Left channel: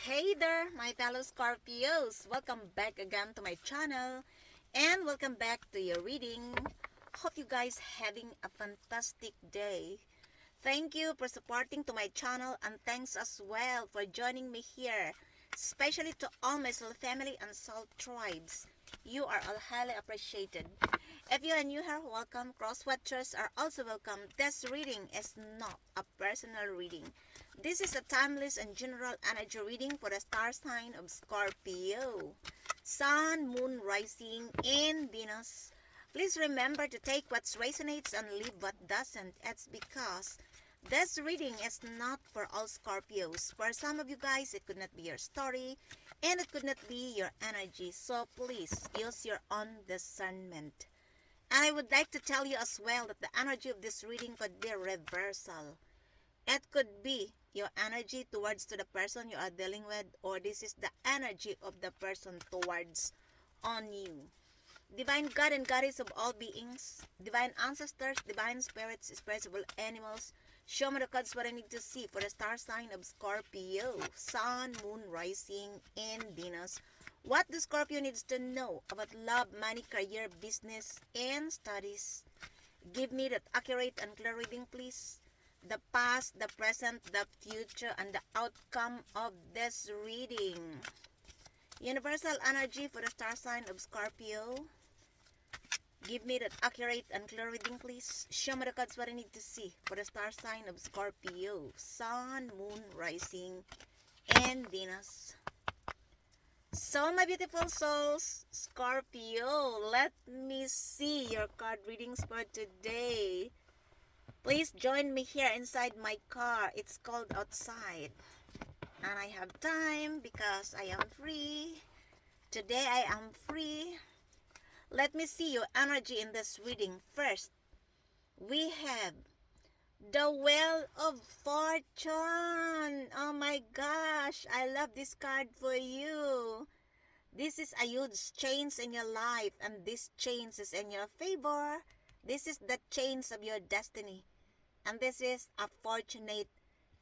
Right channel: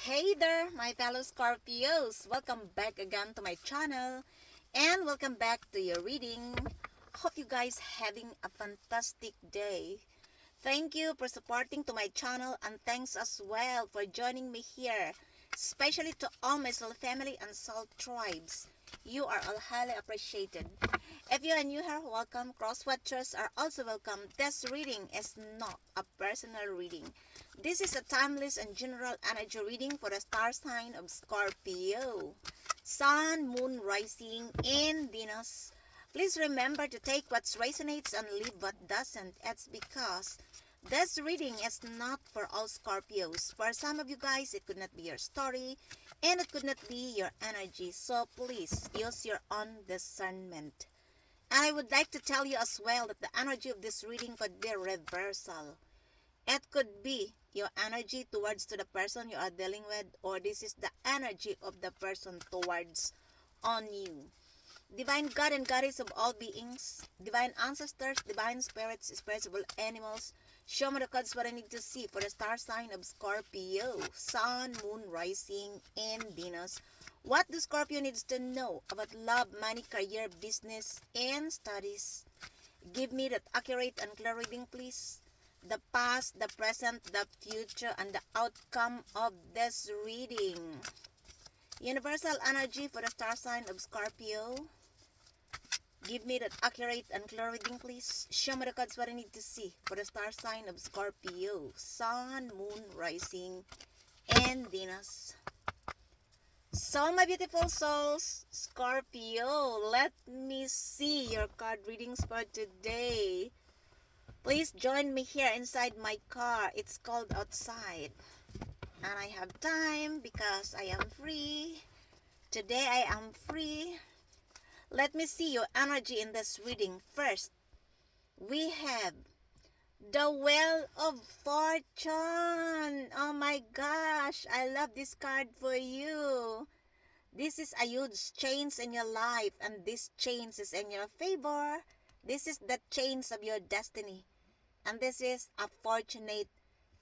Hey there, my fellow Scorpios! Welcome back again to my channel and welcome back to your reading. Hope you guys having a fantastic day. Thank you for supporting to my channel and thanks as well for joining me here, especially to all my soul family and soul tribes. You are all highly appreciated. If you are new here, welcome. Cross-watchers are also welcome. This reading is not a personal reading. This is a timeless and general energy reading for the star sign of Scorpio. Sun, Moon, Rising, and Venus. Please remember to take what resonates and leave what doesn't. It's because this reading is not for all Scorpios. For some of you guys, it could not be your story and it could not be your energy. So please use your own discernment. And I would like to tell you as well that the energy of this reading could be a reversal. It could be your energy towards to the person you are dealing with, or this is the energy of the person towards on you. Divine God and Goddess of all beings, divine ancestors, divine spirits, spiritual animals, show me the cards what I need to see for the star sign of Scorpio, Sun, Moon, Rising, and Venus. What the Scorpio needs to know about love, money, career, business, and studies. Give me that accurate and clear reading, please. The past, the present, the future, and the outcome of this reading. Universal energy for the star sign of Scorpio. Give me that accurate and clear reading, please. Show me the cards what I need to see for the star sign of Scorpio. Sun, Moon, Rising, and Venus. So, my beautiful souls, Scorpio, let me see your card readings for today. Please join me here inside my car. It's cold outside. And I have time because I am free. Today I am free. Let me see your energy in this reading. First, we have the Wheel of Fortune. Oh my gosh, I love this card for you. This is a huge change in your life, and this change is in your favor. This is the change of your destiny, and this is a fortunate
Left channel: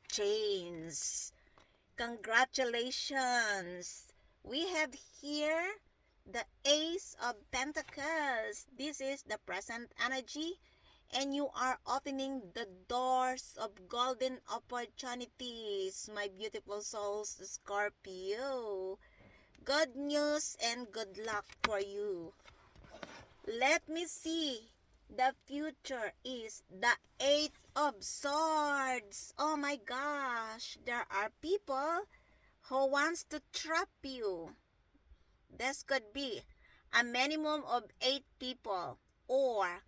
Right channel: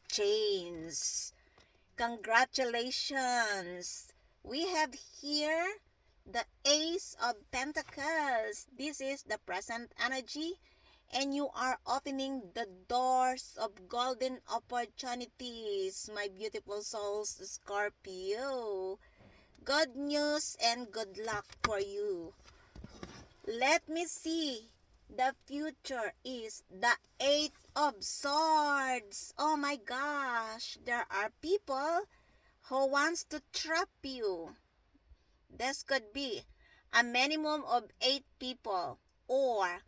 change. Congratulations! We have here the Ace of Pentacles. This is the present energy, and you are opening the doors of golden opportunities, my beautiful souls, Scorpio. Good news and good luck for you. Let me see. The future is the Eight of Swords. Oh my gosh. There are people who wants to trap you. This could be a minimum of 8 people. Or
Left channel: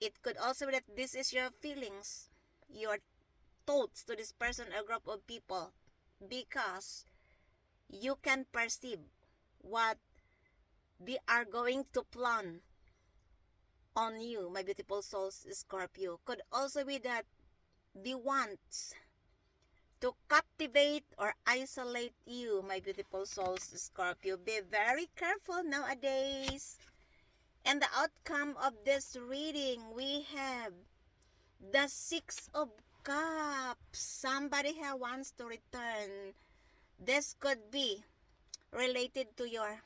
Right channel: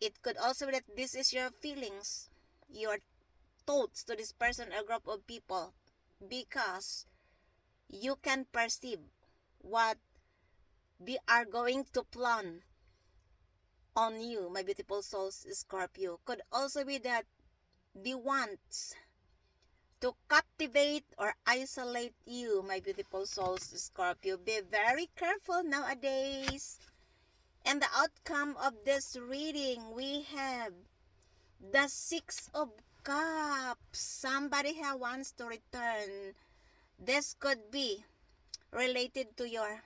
it could also be that this is your feelings, your thoughts to this person or group of people. Because you can perceive what they are going to plan on you, my beautiful souls, Scorpio. Could also be that they want to captivate or isolate you, my beautiful souls, Scorpio. Be very careful nowadays. And the outcome of this reading, we have the Six of Cups. Somebody here wants to return. This could be related to your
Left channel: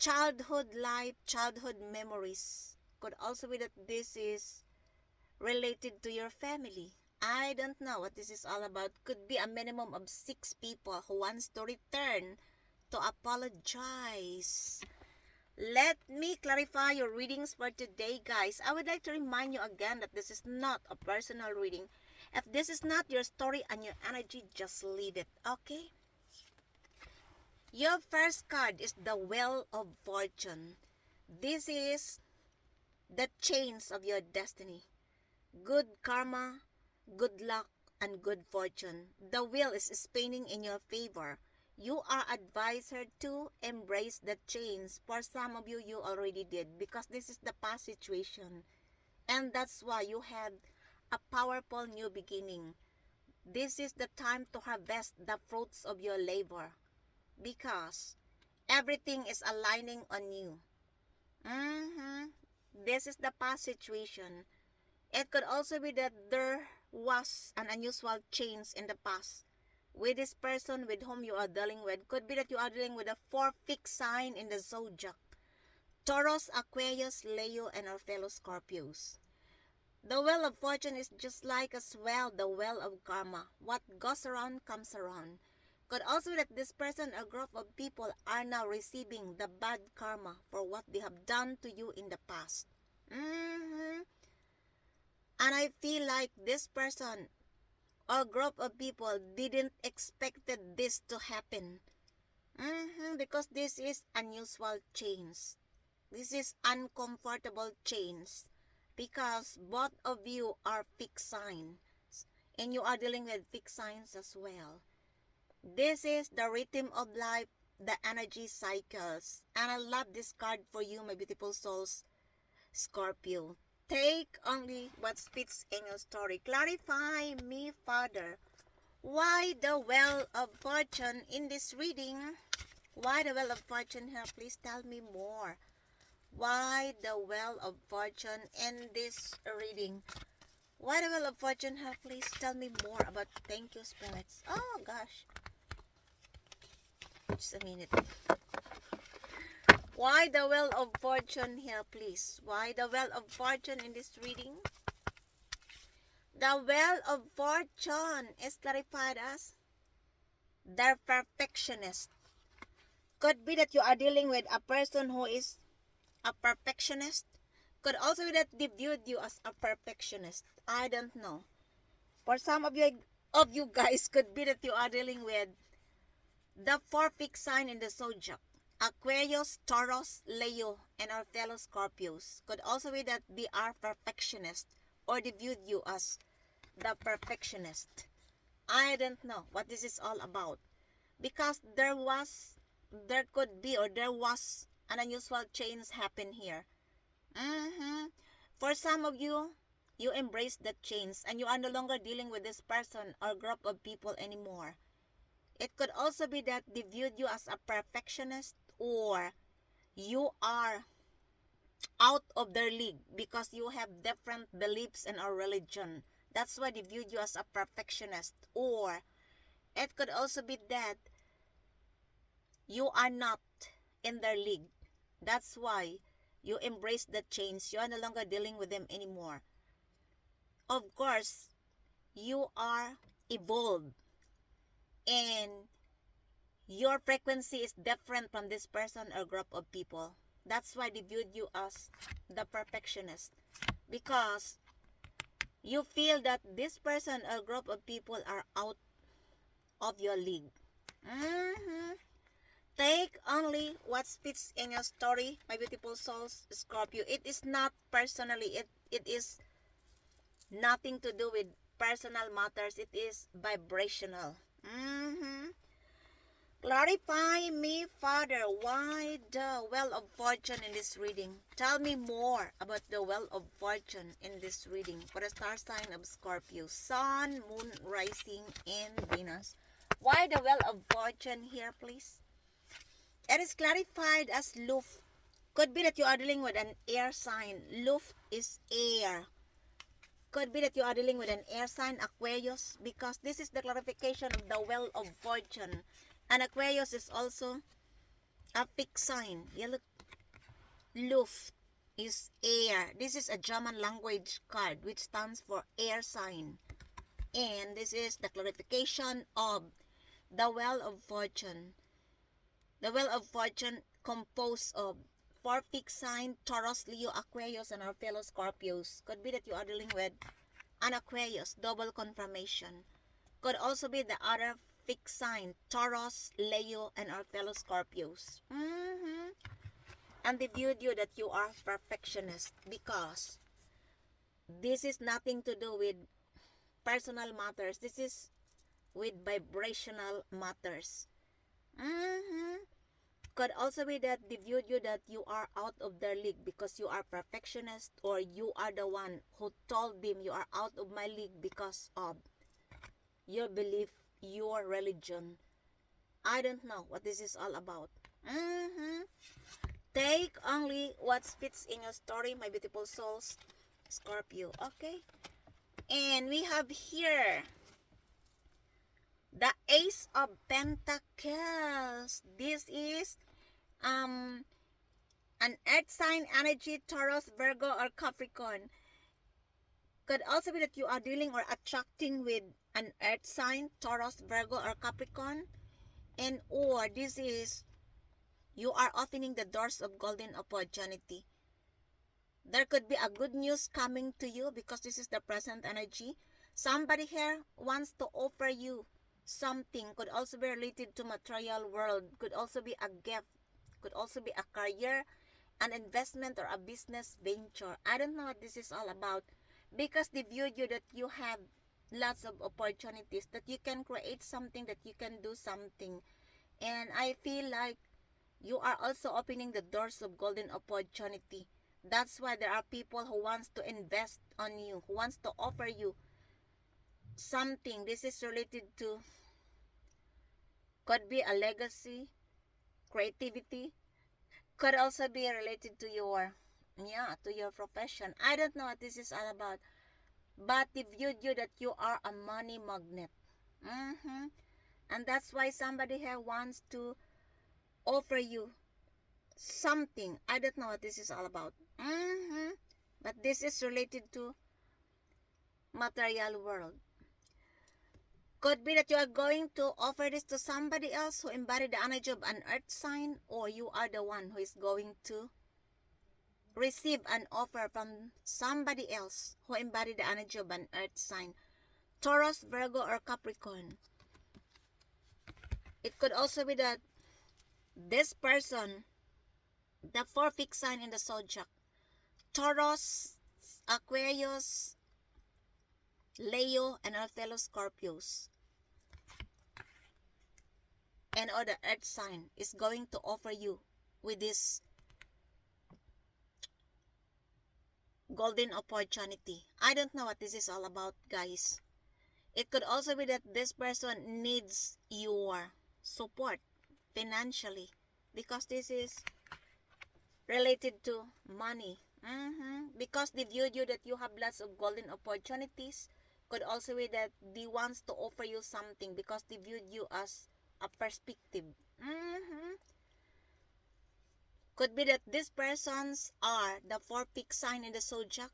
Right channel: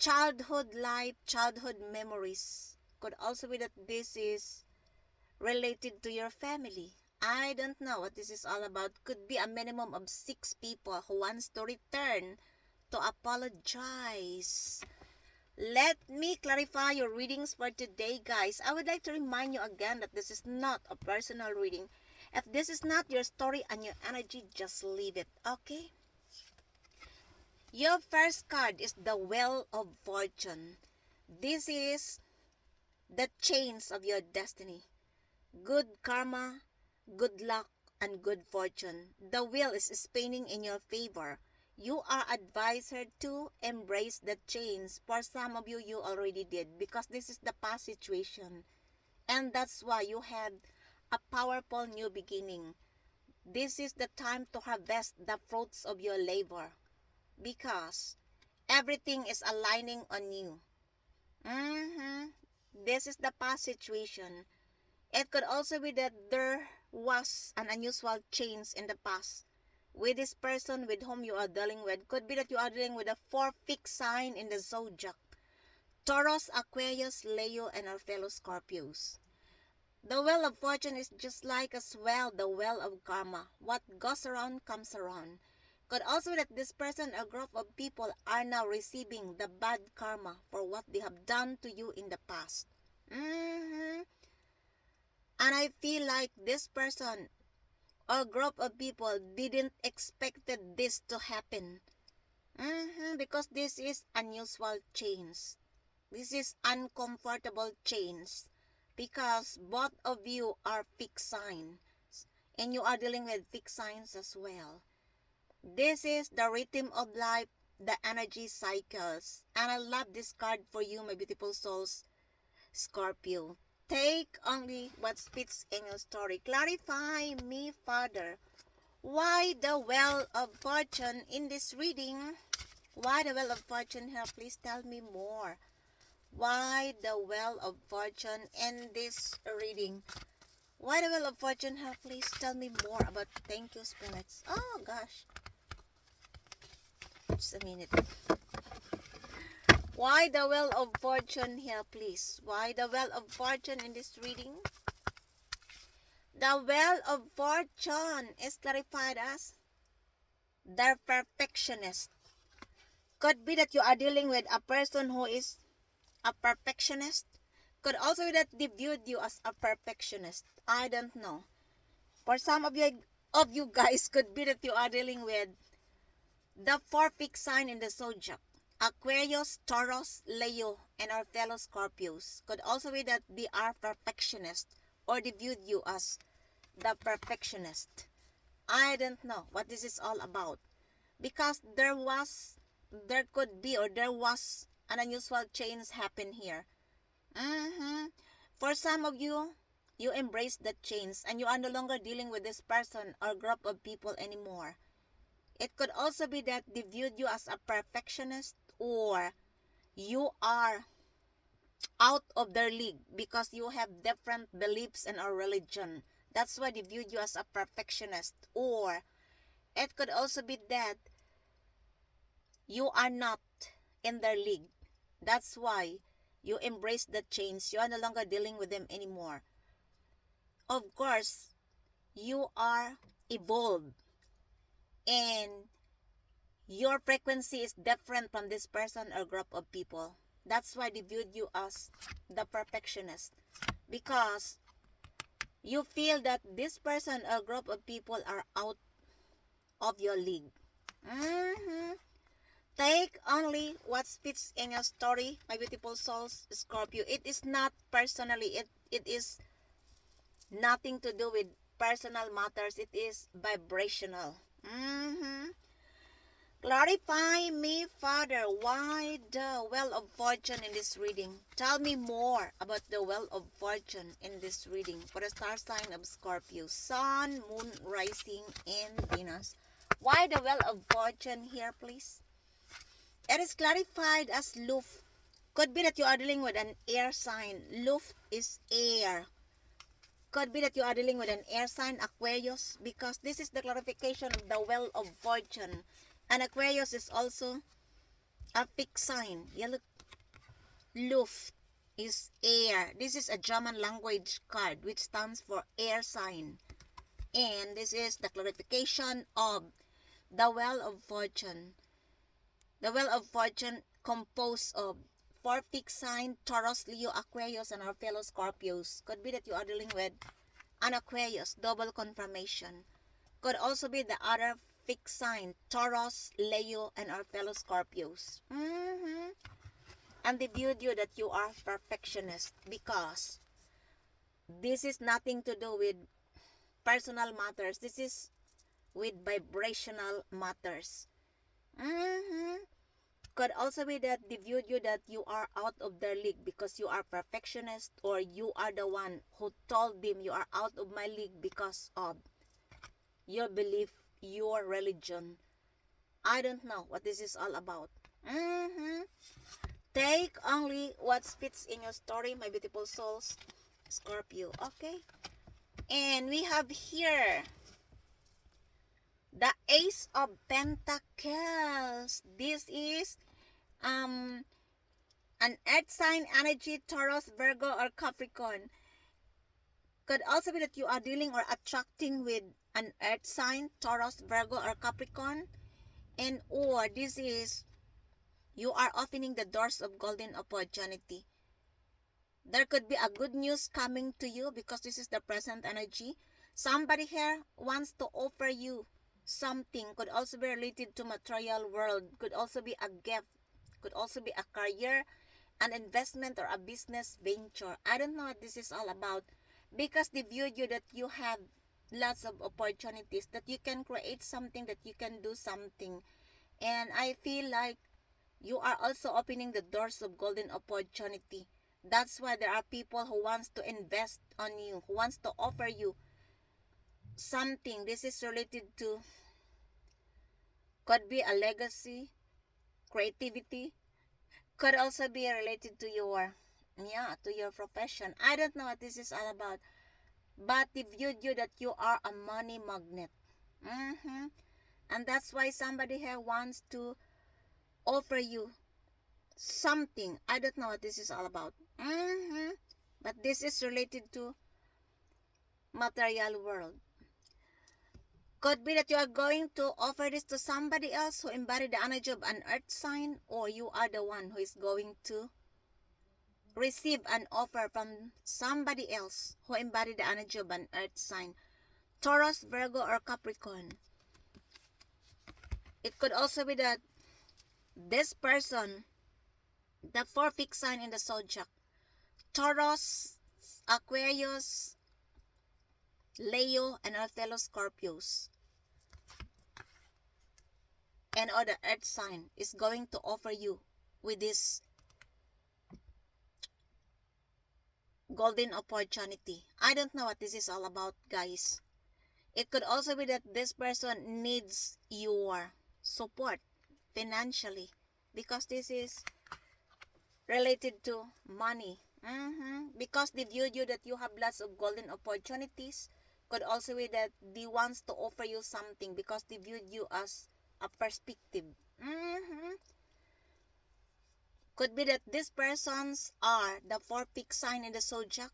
childhood life, childhood memories. Could also be that this is related to your family. I don't know what this is all about. Could be a minimum of 6 people who wants to return to apologize. Let me clarify your readings for today, guys. I would like to remind you again that this is not a personal reading. If this is not your story and your energy, just leave it, okay? Your first card is the Wheel of Fortune. This is the chains of your destiny. Good karma, good luck, and good fortune. The wheel is spinning in your favor. You are advised to embrace the chains. For some of you, you already did because this is the past situation. And that's why you had a powerful new beginning. This is the time to harvest the fruits of your labor because everything is aligning on you. This is the past situation. It could also be that there was an unusual change in the past with this person with whom you are dealing with. Could be that you are dealing with a 4 fixed sign in the zodiac. Taurus, Aquarius, Leo, and our fellow Scorpios. The wheel of fortune is just like as well the wheel of karma. What goes around comes around. Could also be that this person or group of people are now receiving the bad karma for what they have done to you in the past. And I feel like this person or group of people didn't expected this to happen. Because this is unusual change. This is uncomfortable change. Because both of you are fixed signs. And you are dealing with fixed signs as well. This is the rhythm of life, the energy cycles. And I love this card for you, my beautiful souls, Scorpio. Take only what fits in your story. Clarify me, Father. Why the Wheel of Fortune in this reading? Why the Wheel of Fortune here? Please tell me more. Why the Wheel of Fortune in this reading? Why the Wheel of Fortune here? Please tell me more about. Thank you, spirits. Oh gosh. Just a minute. Why the Wheel of Fortune here, please? Why the Wheel of Fortune in this reading? The Wheel of Fortune is clarified as the perfectionist. Could be that you are dealing with a person who is a perfectionist. Could also be that they viewed you as a perfectionist. I don't know. For some of you guys, could be that you are dealing with the 4 fixed sign in the zodiac. Aquarius, Taurus, Leo, and our fellow Scorpios. Could also be that they are perfectionists or they viewed you as the perfectionist. I don't know what this is all about. Because there was an unusual change happen here. For some of you, you embrace that change and you are no longer dealing with this person or group of people anymore. It could also be that they viewed you as a perfectionist or you are out of their league because you have different beliefs in our religion. That's why they viewed you as a perfectionist. Or it could also be that you are not in their league. That's why you embrace the change. You are no longer dealing with them anymore. Of course, you are evolved. And your frequency is different from this person or group of people. That's why they viewed you as the perfectionist. Because you feel that this person or group of people are out of your league. Take only what fits in your story, my beautiful souls, Scorpio. It is not personally. It is nothing to do with personal matters. It is vibrational. Clarify me, Father, why the Wheel of Fortune in this reading? Tell me more about the Wheel of Fortune in this reading for the star sign of Scorpio, Sun, Moon, Rising, and Venus. Why the Wheel of Fortune here, please? It is clarified as Luft. Could be that you are dealing with an air sign. Luft is air. Could be that you are dealing with an air sign, Aquarius, because this is the clarification of the Wheel of Fortune. And Aquarius is also a fixed sign. Yeah, look. Luft is air. This is a German language card which stands for air sign. And this is the clarification of the Wheel of Fortune. The Wheel of Fortune composed of 4 fixed sign, Taurus, Leo, Aquarius, and our fellow Scorpios. Could be that you are dealing with an Aquarius, double confirmation. Could also be the other fixed sign, Taurus, Leo, and our fellow Scorpios. And they viewed you that you are perfectionist because this is nothing to do with personal matters. This is with vibrational matters. Could also be that they viewed you that you are out of their league because you are perfectionist, or you are the one who told them you are out of my league because of your belief, your religion. I don't know what this is all about. Take only what fits in your story, my beautiful souls, Scorpio. Okay? And we have here The Ace of Pentacles. This is an earth sign energy, Taurus, Virgo, or Capricorn. Could also be that you are dealing or attracting with an earth sign, Taurus, Virgo, or Capricorn. And or this is you are opening the doors of golden opportunity. There could be a good news coming to you because this is the present energy. Somebody here wants to offer you something. Could also be related to material world. Could also be a gift. Could also be a career, an investment, or a business venture. I don't know what this is all about. Because they view you that you have lots of opportunities. That you can create something. That you can do something. And I feel like you are also opening the doors of golden opportunity. That's why there are people who wants to invest on you, who wants to offer you something. This is related to, could be a legacy, creativity, could also be related to your profession. I don't know what this is all about, but they viewed you that you are a money magnet. And that's why somebody here wants to offer you something. I don't know what this is all about. But this is related to material world. Could be that you are going to offer this to somebody else who embody the energy of an earth sign, or you are the one who is going to receive an offer from somebody else who embody the energy of an earth sign, Taurus, Virgo, or Capricorn. It could also be that this person, the four fixed sign in the zodiac, Taurus, Aquarius, Leo, and our fellow Scorpios, and other earth sign is going to offer you with this golden opportunity. I don't know what this is all about, guys. It could also be that this person needs your support financially because this is related to money. Because they viewed you that you have lots of golden opportunities. Could also be that they wants to offer you something because they viewed you as a perspective. Could be that these persons are the four fixed sign in the zodiac,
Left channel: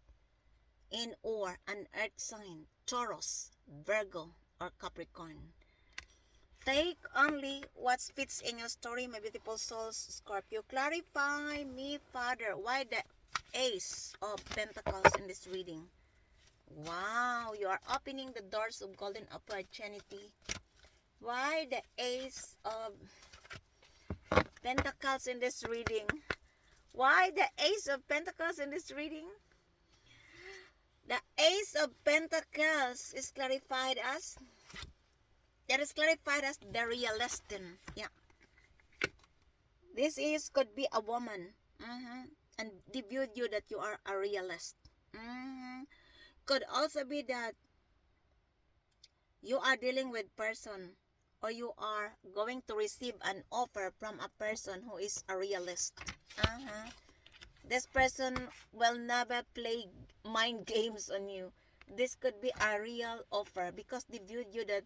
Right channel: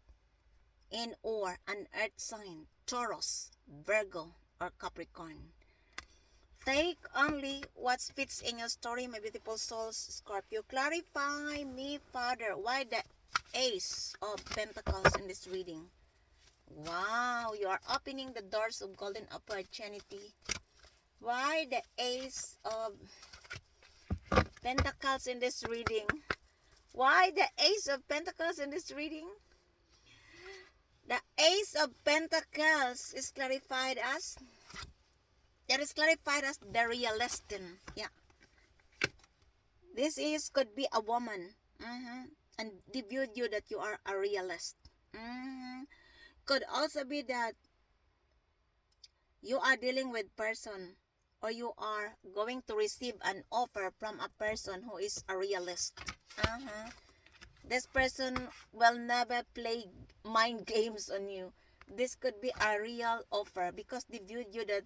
and or an earth sign, Taurus, Virgo, or Capricorn. Take only what fits in your story, my beautiful souls, Scorpio. Clarify me, Father, why the Ace of Pentacles in this reading? Wow, you are opening the doors of golden opportunity. Why the Ace of Pentacles in this reading? Why the Ace of Pentacles in this reading? The Ace of Pentacles is clarified as, the realist. Yeah. This is could be a woman. And they viewed you that you are a realist. Could also be that you are dealing with person, or you are going to receive an offer from a person who is a realist. This person will never play mind games on you. This could be a real offer because they viewed you that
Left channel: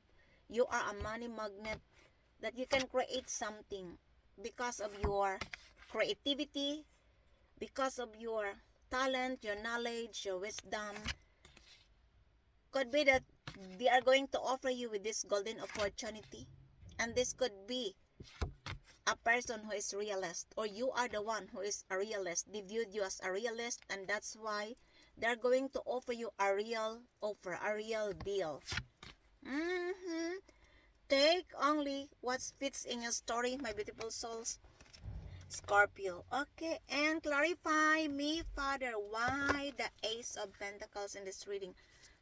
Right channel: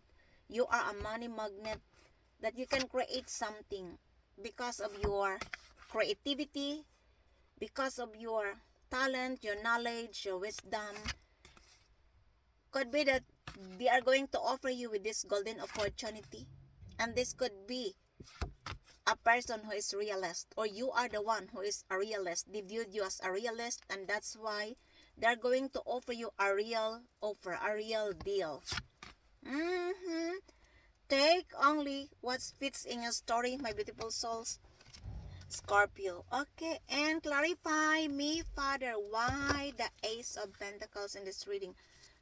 you are a money magnet, that you can create something because of your creativity, because of your talent, your knowledge, your wisdom. Could be that they are going to offer you with this golden opportunity. And this could be a person who is realist, or you are the one who is a realist. They viewed you as a realist, and that's why they're going to offer you a real offer, a real deal. Take only what fits in your story, my beautiful souls, Scorpio. Okay, and clarify me, Father, why the Ace of Pentacles in this reading?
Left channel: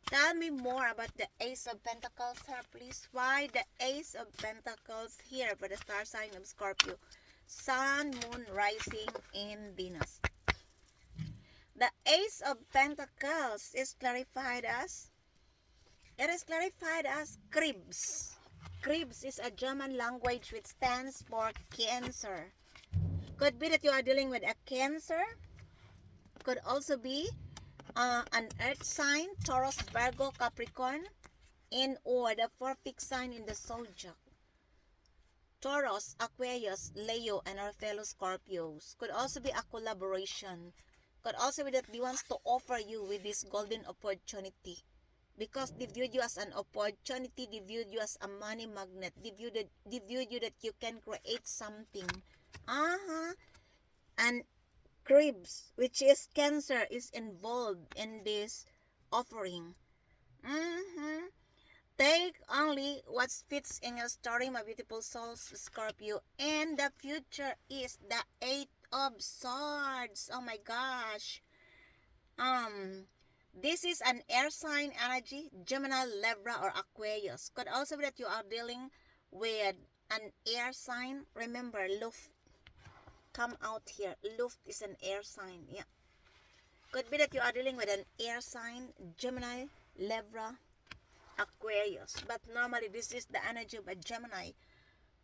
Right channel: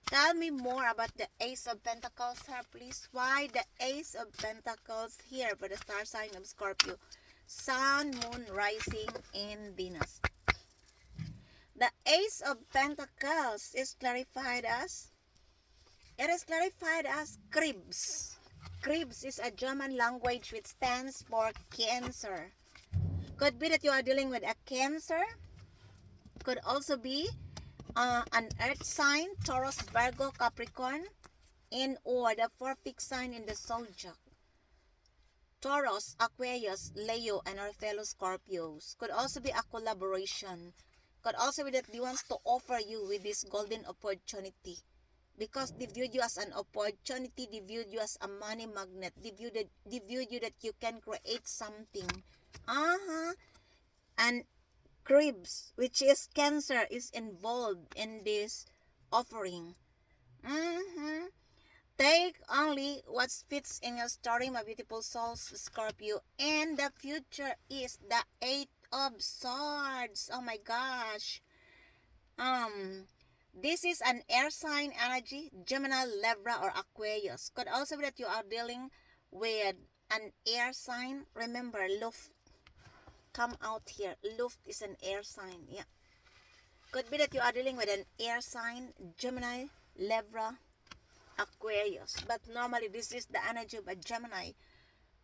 Tell me more about the Ace of Pentacles here, please. Why the Ace of Pentacles here for the star sign of Scorpio? Sun, Moon, Rising, and Venus. The Ace of Pentacles is clarified as, Krebs. Krebs is a German language which stands for Cancer. Could be that you are dealing with a Cancer. Could also be an earth sign, Taurus, Virgo, Capricorn. and or the four fixed sign in the zodiac. Taurus, Aquarius, Leo, and our fellow Scorpios. Could also be a collaboration. Could also be that they wants to offer you with this golden opportunity. Because they viewed you as an opportunity, they viewed you as a money magnet, they viewed you that you can create something. And Cribs, which is Cancer, is involved in this offering. Take only what fits in your story, my beautiful souls, Scorpio. And the future is the Eight of Swords. Oh my gosh. This is an air sign energy, Gemini, Libra, or Aquarius. Could also be that you are dealing with an air sign. Remember, Luft come out here. Luft is an air sign. Yeah. Could be that you are dealing with an air sign, Gemini, Libra, Aquarius. But normally, this is the energy of a Gemini.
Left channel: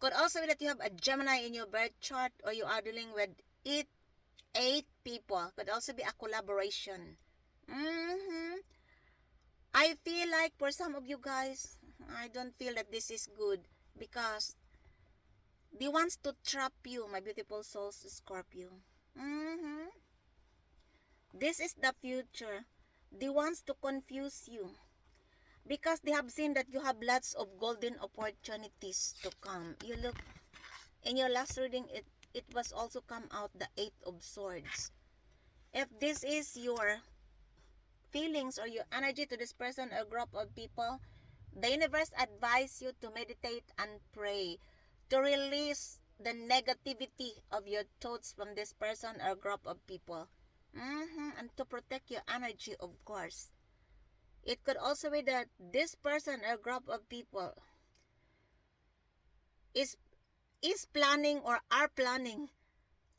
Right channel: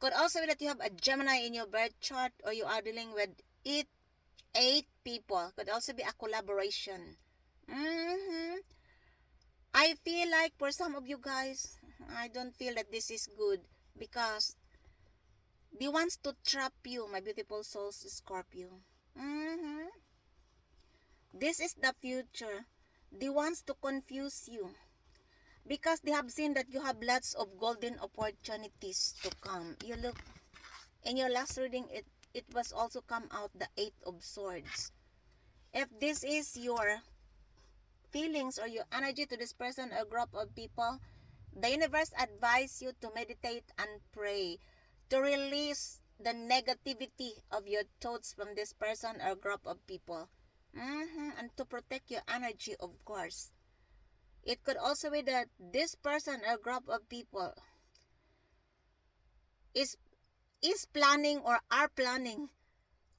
Could also be that you have a Gemini in your birth chart, or you are dealing with eight people. Could also be a collaboration. I feel like for some of you guys, I don't feel that this is good because they wants to trap you, my beautiful souls, Scorpio. This is the future. They wants to confuse you because they have seen that you have lots of golden opportunities to come. You look in your last reading, it was also come out the Eight of Swords. If this is your feelings or your energy to this person or group of people, the universe advises you to meditate and pray to release the negativity of your thoughts from this person or group of people. And to protect your energy, of course. It could also be that this person or group of people is planning or are planning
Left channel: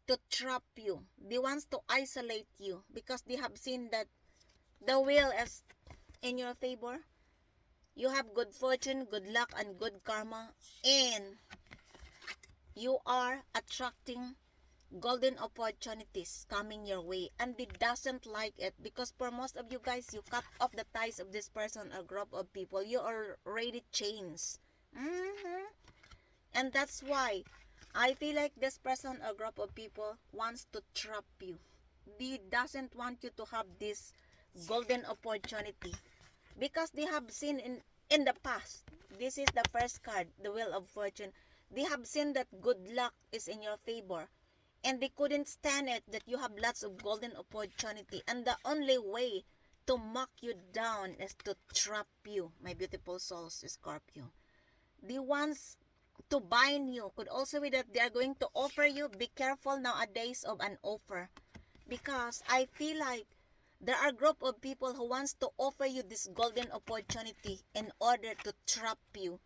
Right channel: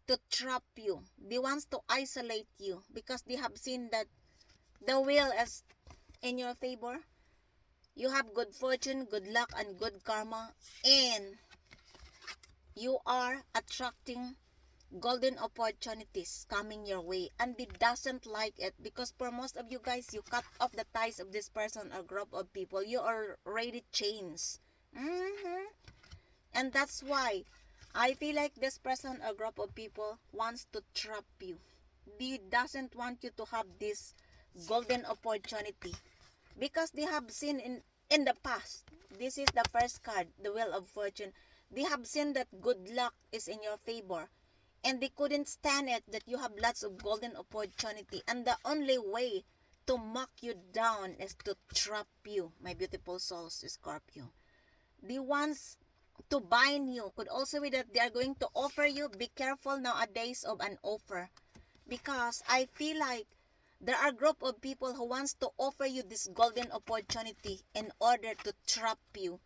to trap you. They want to isolate you because they have seen that the wheel is in your favor. You have good fortune, good luck, and good karma. And you are attracting golden opportunities coming your way. And they doesn't like it because for most of you guys, you cut off the ties of this person or group of people. You are already changed. And that's why I feel like this person or group of people wants to trap you. They doesn't want you to have this golden opportunity because they have seen in the past. This is the first card, the Wheel of Fortune. They have seen that good luck is in your favor and they couldn't stand it that you have lots of golden opportunity, and the only way to mock you down is to trap you, my beautiful souls, Scorpio. They want to bind you. Could also be that they are going to offer you. Be careful nowadays of an offer because I feel like there are a group of people who wants to offer you this golden opportunity in order to trap you.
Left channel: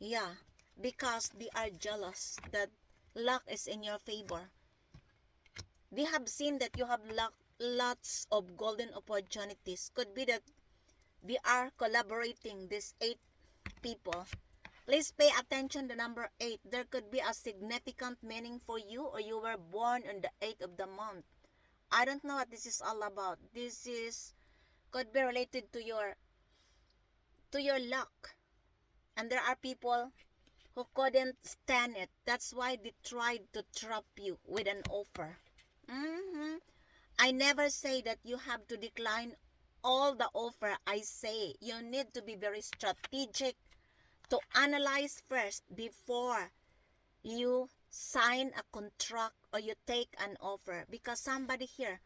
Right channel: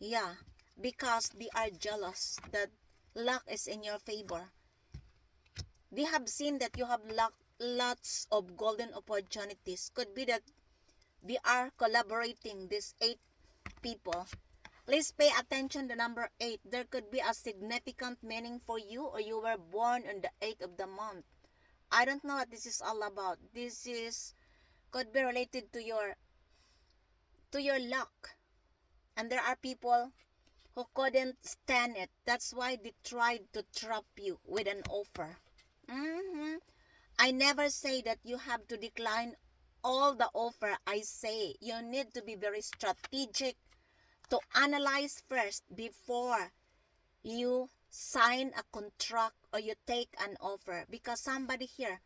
Yeah, because they are jealous that luck is in your favor. They have seen that you have lots of golden opportunities. Could be that they are collaborating, these 8 people. Please pay attention to number 8. There could be a significant meaning for you, or you were born on the 8th of the month. I don't know what this is all about. This is could be related to your luck. And there are people who couldn't stand it. That's why they tried to trap you with an offer. I never say that you have to decline all the offer. I say you need to be very strategic to analyze first before you sign a contract or you take an offer, because somebody here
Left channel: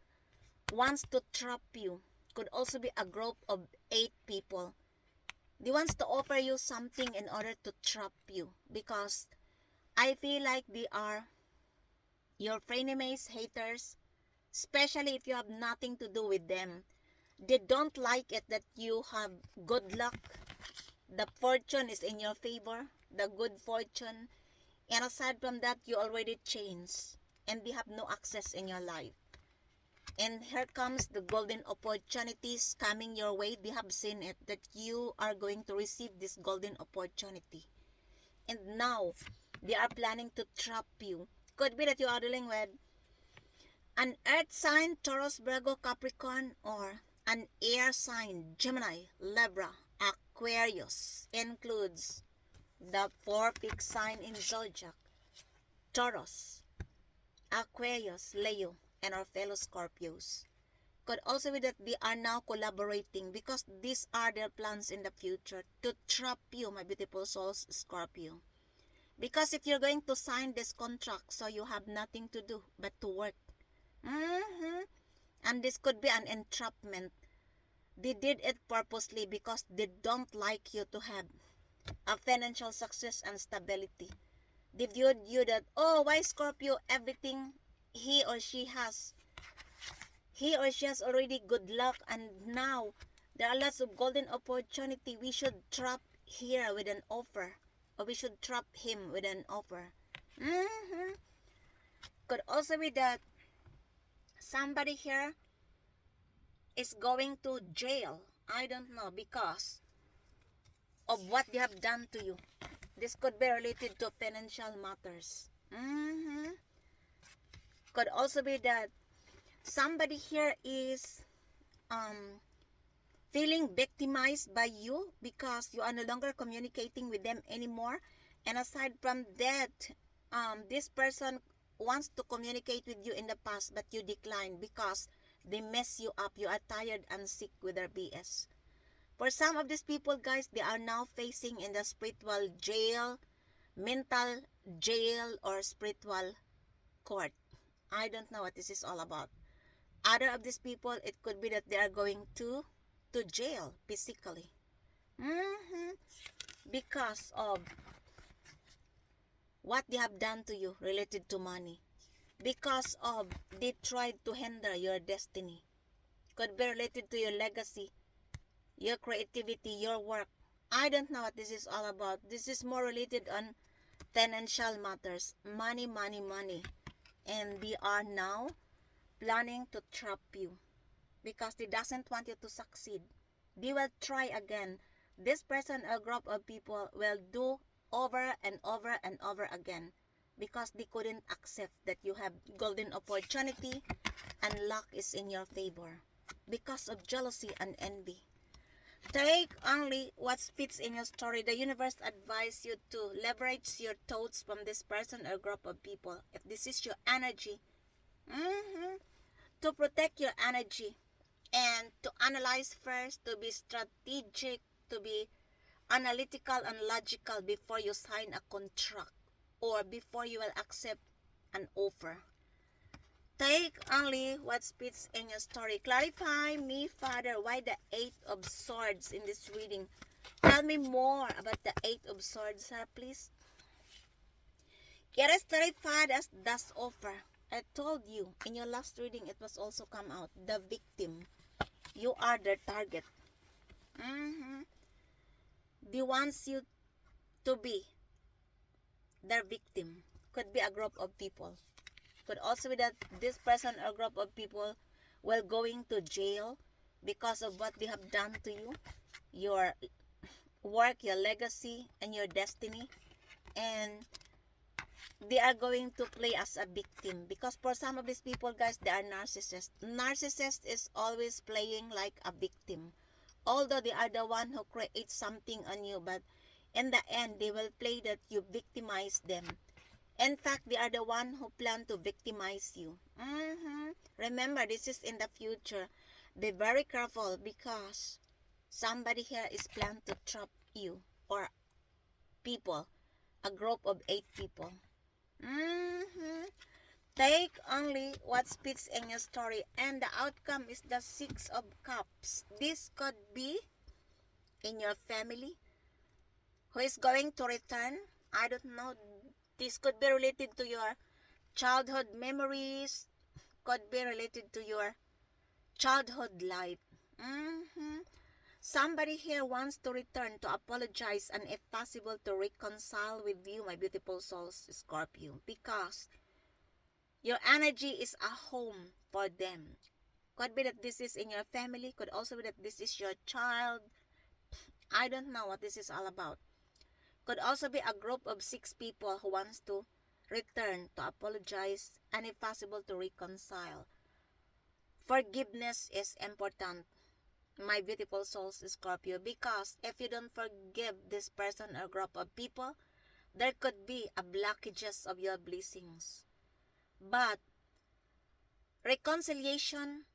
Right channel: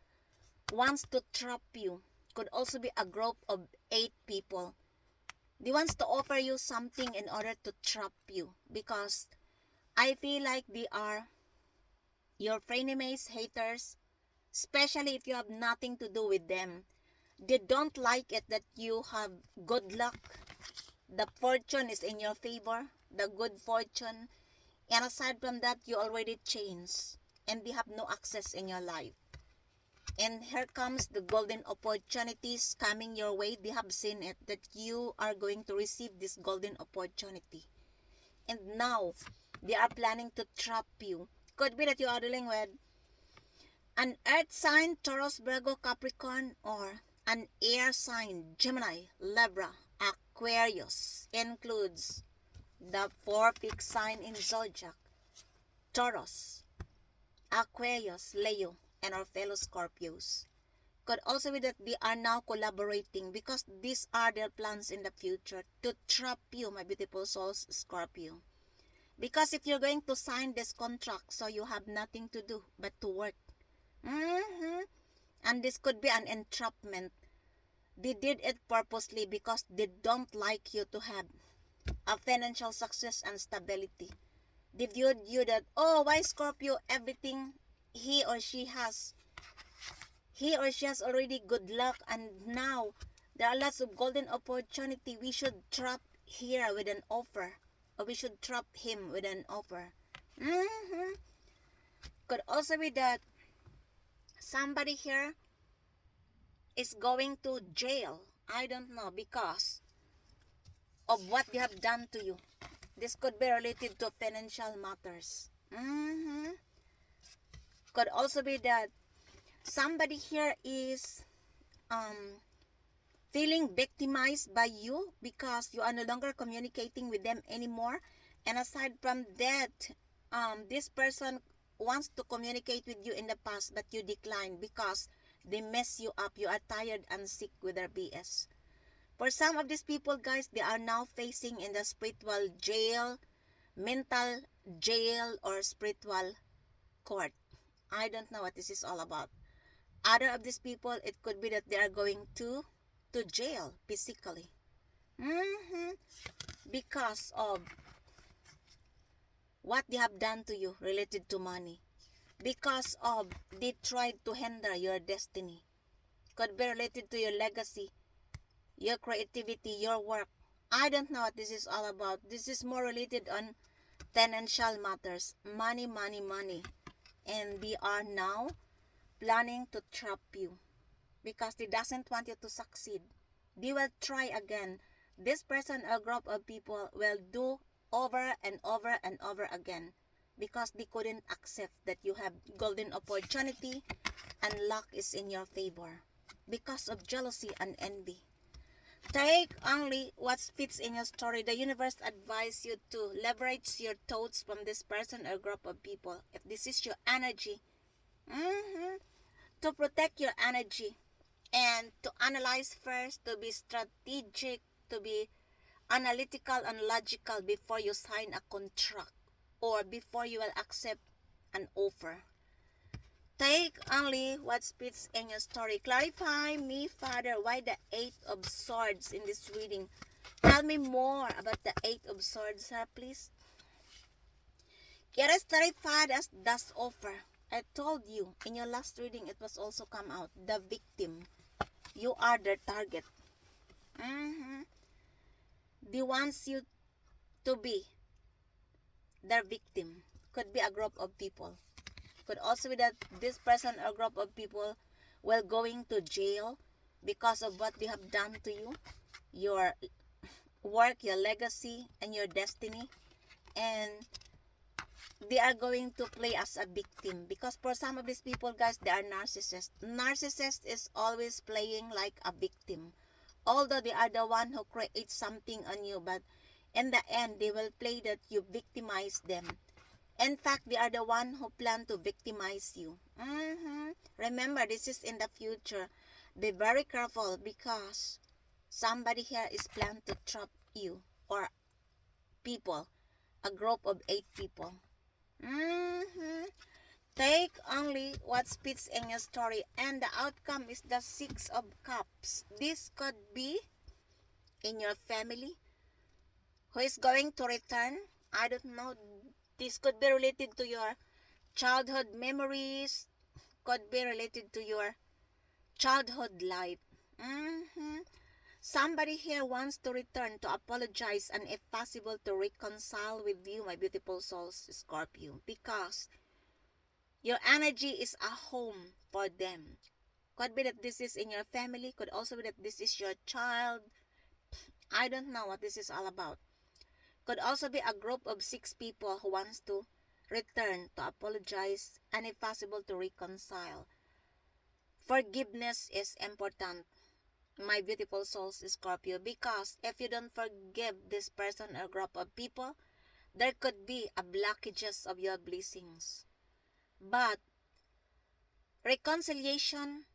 wants to trap you. Could also be a group of 8 people. They wants to offer you something in order to trap you because I feel like they are your frenemies, haters, especially if you have nothing to do with them. They don't like it that you have good luck. The fortune is in your favor, the good fortune. And aside from that, you already changed and they have no access in your life. And here comes the golden opportunities coming your way. They have seen it that you are going to receive this golden opportunity. And now, they are planning to trap you. Could be that you are dealing with an earth sign, Taurus, Virgo, Capricorn, or an air sign, Gemini, Libra, Aquarius includes the 4 peak sign in zodiac: Taurus, Aquarius, Leo, and our fellow Scorpios. Could also be that they are now collaborating because these are their plans in the future to trap you, my beautiful souls, Scorpio. Because if you're going to sign this contract, so you have nothing to do but to work. And this could be an entrapment. They did it purposely because they don't like you to have a financial success and stability. They viewed you that, oh, why Scorpio, everything he or she has already good luck, and now there are lots of golden opportunity. We should trap here with an offer, or we should trap him with an offer. Could also be that somebody here is going to jail. I don't know, because of what they have done to you. This could be related to financial matters. Could also be that somebody here is feeling victimized by you because you are no longer communicating with them anymore. And aside from that, this person wants to communicate with you in the past, but you decline because they mess you up. You are tired and sick with their BS. For some of these people, guys, they are now facing in the spiritual jail, mental jail, or spiritual court. I don't know what this is all about. Other of these people, it could be that they are going to jail physically. Because of what they have done to you related to money. Because of they tried to hinder your destiny. Could be related to your legacy, your creativity, your work. I don't know what this is all about. This is more related on financial matters. Money, money, money. And they are now planning to trap you because they doesn't want you to succeed. They will try again. This person or group of people will do over and over and over again because they couldn't accept that you have golden opportunity and luck is in your favor because of jealousy and envy. Take only what fits in your story. The universe advises you to leverage your thoughts from this person or group of people. If this is your energy, to protect your energy and to analyze first, to be strategic, to be analytical and logical before you sign a contract or before you will accept an offer. Take only what fits in your story. Clarify me, Father, why the 8 of Swords in this reading. Tell me more about the 8 of Swords, please. It is clarified as das offer. I told you in your last reading, it was also come out. The victim. You are their target. They want you to be their victim. Could be a group of people. Could also be that this person or group of people will going to jail because of what they have done to you, your work, your legacy, and your destiny. And they are going to play as a victim because for some of these people, guys, they are narcissists. Narcissist is always playing like a victim. Although they are the one who creates something on you, but in the end, they will play that you victimize them. In fact, they are the one who plan to victimize you. Remember, this is in the future. Be very careful because somebody here is planned to trap you or people, a group of 8 people. Take only what fits in your story, and the outcome is the 6 of Cups. This could be in your family who is going to return. I don't know. This could be related to your childhood memories, could be related to your childhood life. Somebody here wants to return to apologize and if possible to reconcile with you, my beautiful souls, Scorpio, because your energy is a home for them. Could be that this is in your family, could also be that this is your child. I don't know what this is all about. Could also be a group of 6 people who wants to return to apologize and if possible to reconcile. Forgiveness is important. my beautiful souls, Scorpio, because if you don't forgive this person or group of people, there could be a blockages of your blessings. But reconciliation,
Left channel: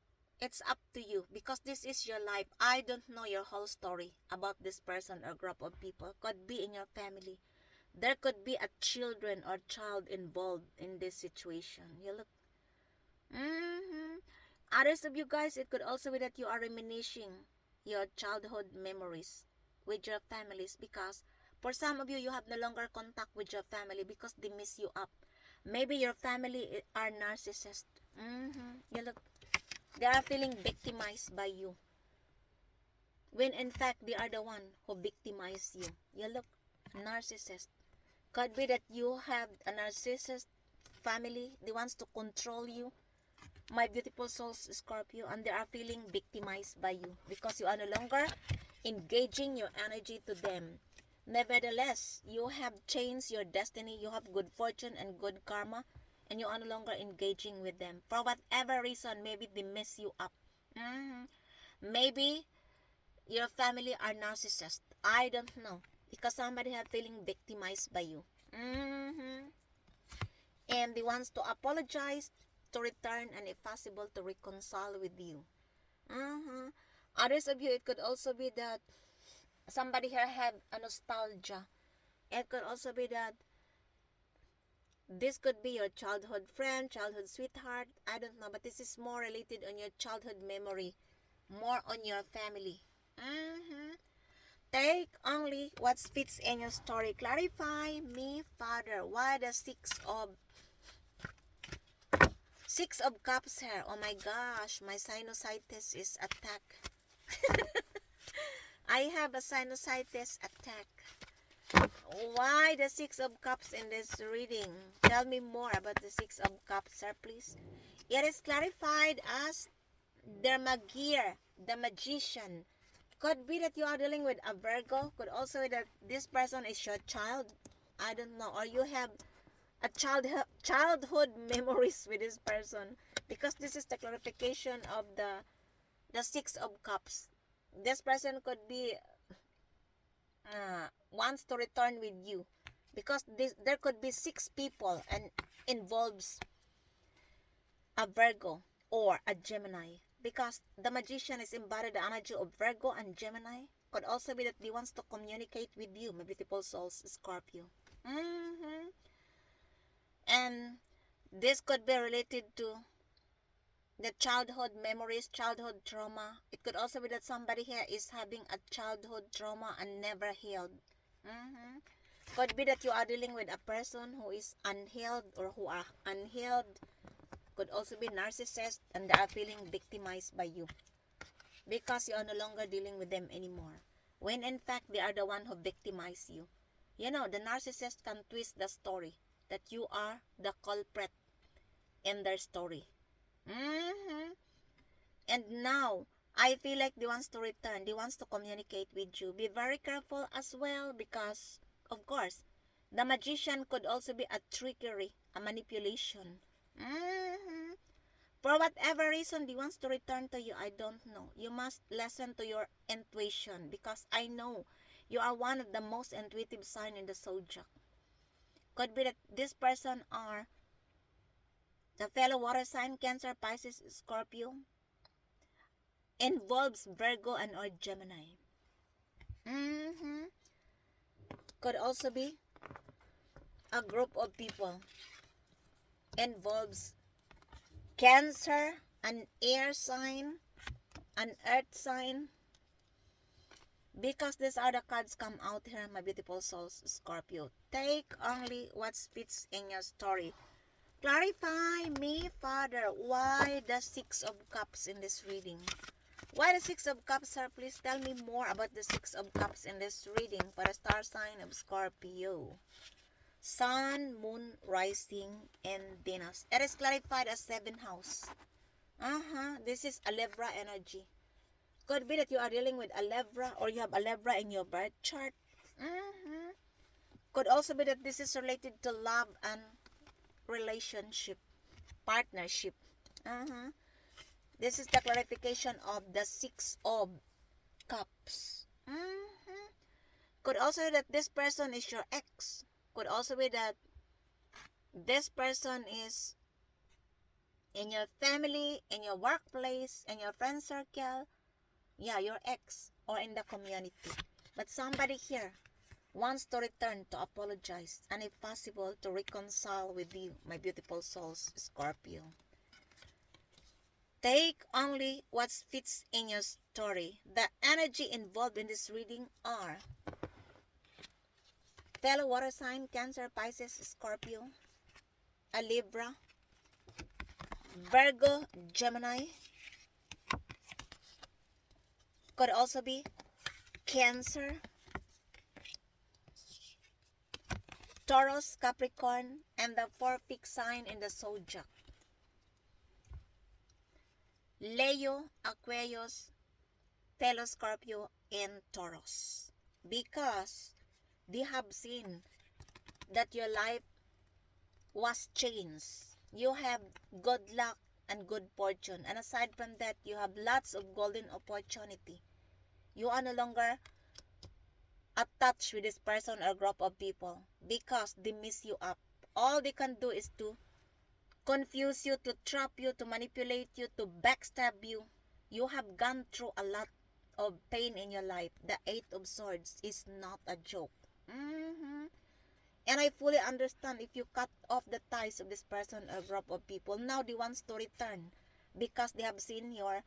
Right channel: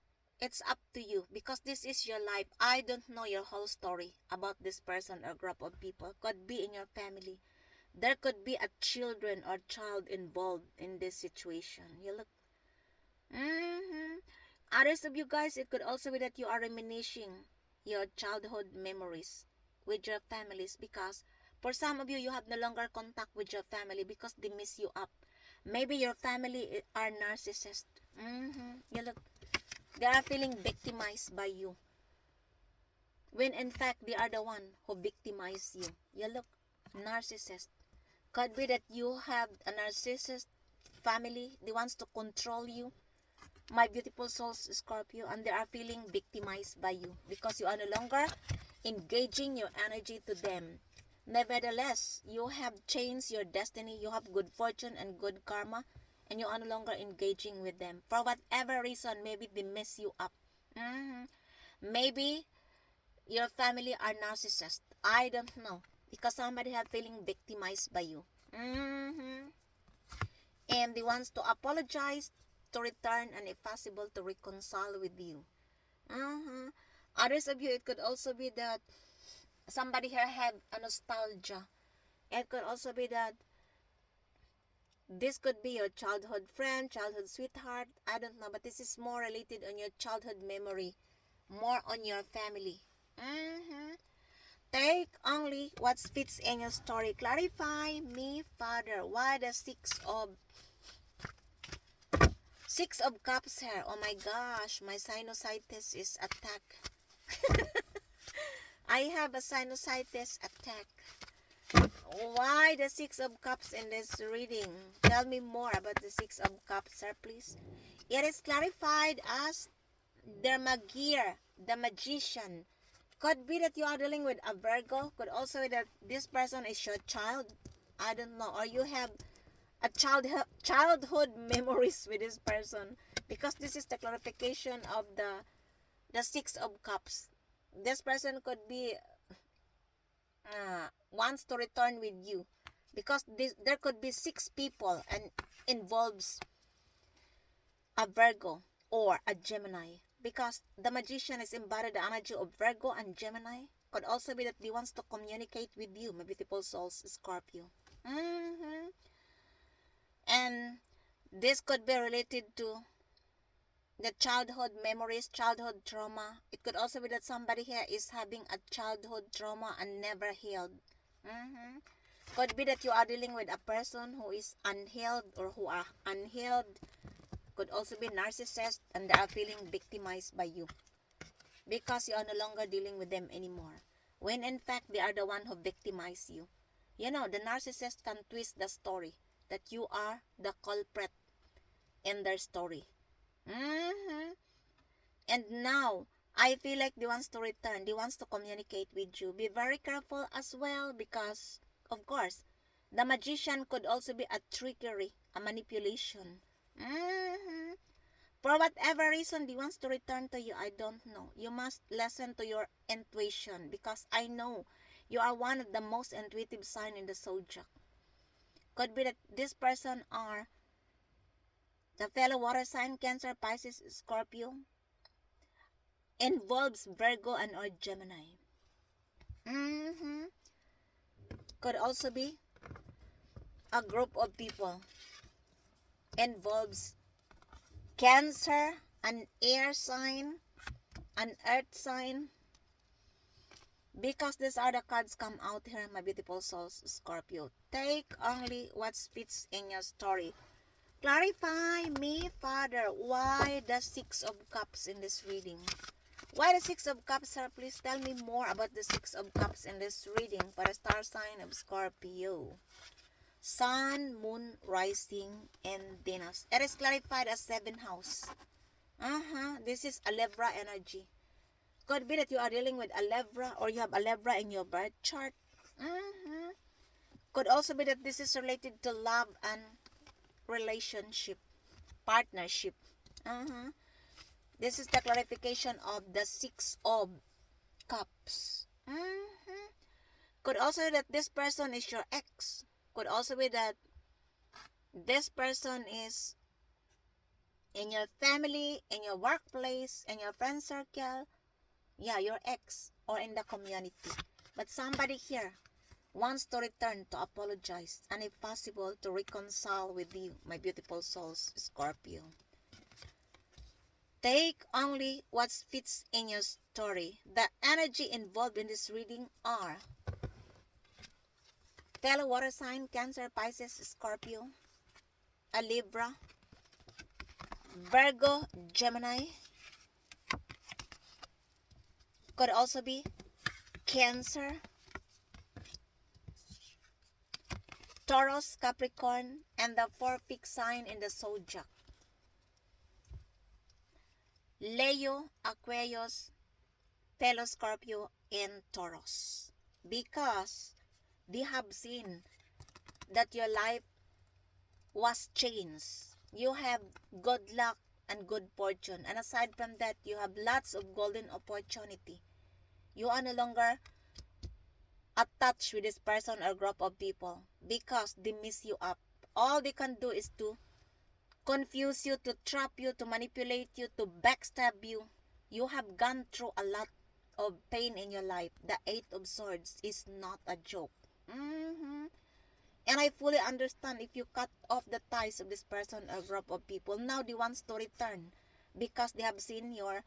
it's up to you because this is your life. I don't know your whole story about this person or group of people. Could be in your family. There could be a children or child involved in this situation. You look. Others of you guys, it could also be that you are reminiscing your childhood memories with your families because for some of you, you have no longer contact with your family because they miss you up. Maybe your family are narcissists. You look, they are feeling victimized by you. When in fact, they are the one who victimize you. You look, narcissist. Could be that you have a narcissist family. They wants to control you. My beautiful souls, Scorpio, and they are feeling victimized by you because you are no longer engaging your energy to them. Nevertheless, you have changed your destiny, you have good fortune and good karma, and you are no longer engaging with them. For whatever reason, maybe they mess you up. Maybe your family are narcissists. I don't know. Because somebody have feeling victimized by you. And they wants to apologize, to return, and if possible, to reconcile with you. Others of you, it could also be that somebody here have a nostalgia. It could also be that this could be your childhood friend, childhood sweetheart. I don't know, but this is more related on your childhood memory, more on your family. Take only what fits in your story. Clarify me, Father. Why the Six of Cups here? Oh my gosh, my sinusitis is attack. I have a sinusitis attack. Why the Six of Cups in this reading? Tell me more about the Six of Cups, sir, please. It is clarified as the Magir, the magician. Could be that you are dealing with a Virgo. Could also be that this person is your child. I don't know. Or you have a childhood memories with this person. Because this is the clarification of the Six of Cups. This person could be wants to return with you. Because there could be 6 people and involves a Virgo or a Gemini. Because the magician is embodied the energy of Virgo and Gemini. Could also be that he wants to communicate with you, my beautiful souls, Scorpio. And this could be related to the childhood memories, childhood trauma. It could also be that somebody here is having a childhood trauma and never healed. Could be that you are dealing with a person who is unhealed or who are unhealed. Could also be narcissist and they are feeling victimized by you because you are no longer dealing with them anymore. When in fact, they are the one who victimize you. You know, the narcissist can twist the story that you are the culprit in their story. And now, I feel like they wants to return. They wants to communicate with you. Be very careful as well because, of course, the magician could also be a trickery, a manipulation. For whatever reason they wants to return to you, I don't know. You must listen to your intuition because I know you are one of the most intuitive sign in the zodiac. Could be that this person are the fellow water sign, Cancer, Pisces, Scorpio, involves Virgo and or Gemini. Could also be a group of people involves Cancer, an air sign, an earth sign. Because these are the cards come out here, my beautiful souls, Scorpio. Take only what fits in your story. Clarify me, Father, why the Six of Cups in this reading? Why the Six of Cups, sir? Please tell me more about the Six of Cups in this reading for the star sign of Scorpio. Sun, Moon, Rising, and Venus. It is clarified as 7th house. This is a Libra energy. Could be that you are dealing with a Libra or you have a Libra in your birth chart. Could also be that this is related to love and relationship, partnership. This is the clarification of the Six of Cups. Could also be that this person is your ex. Could also be that this person is in your family, in your workplace, in your friend circle. Yeah, your ex or in the community. But somebody here wants to return to apologize and if possible to reconcile with you, my beautiful souls, Scorpio. Take only what fits in your story. The energy involved in this reading are fellow water sign, Cancer, Pisces, Scorpio, a Libra, Virgo, Gemini. Could also be Cancer, Taurus, Capricorn, and the four fixed sign in the zodiac. Leo, Aquarius, fellow Scorpio, and Taurus. Because they have seen that your life was changed. You have good luck and good fortune. And aside from that, you have lots of golden opportunity. You are no longer attached with this person or group of people because they mess you up. All they can do is to confuse you, to trap you, to manipulate you, to backstab you. You have gone through a lot of pain in your life. The Eight of Swords is not a joke. And I fully understand if you cut off the ties of this person or group of people. Now they wants to return because they have seen your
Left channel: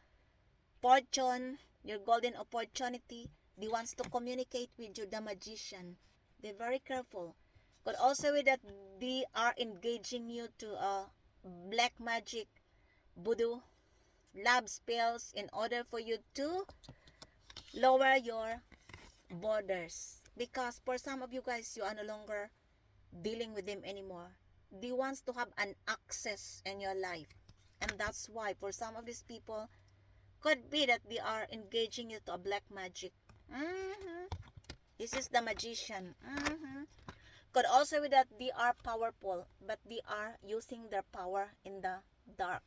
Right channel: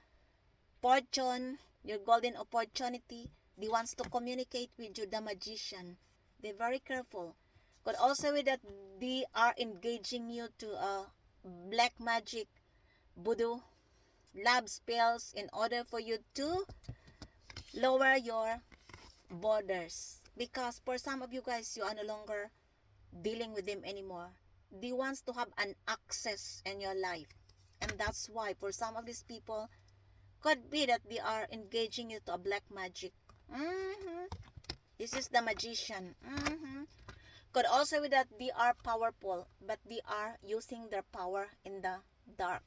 fortune, your golden opportunity. They wants to communicate with you, the Magician. They're very careful. But also with that, they are engaging you to black magic, voodoo, love spells in order for you to lower your borders. Because for some of you guys, you are no longer dealing with them anymore. They wants to have an access in your life. And that's why for some of these people, could be that they are engaging you to a black magic. This is the Magician. Could also be that they are powerful, but they are using their power in the dark.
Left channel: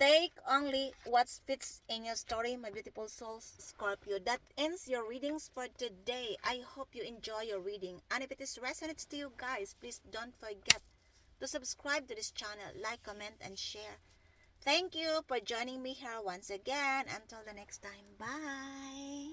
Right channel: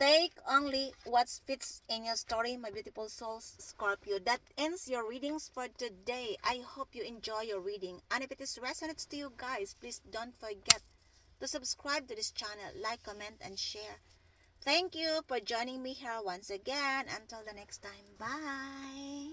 Take only what fits in your story, my beautiful souls, Scorpio. That ends your readings for today. I hope you enjoy your reading. And if it is resonates to you guys, please don't forget to subscribe to this channel, like, comment, and share. Thank you for joining me here once again. Until the next time. Bye.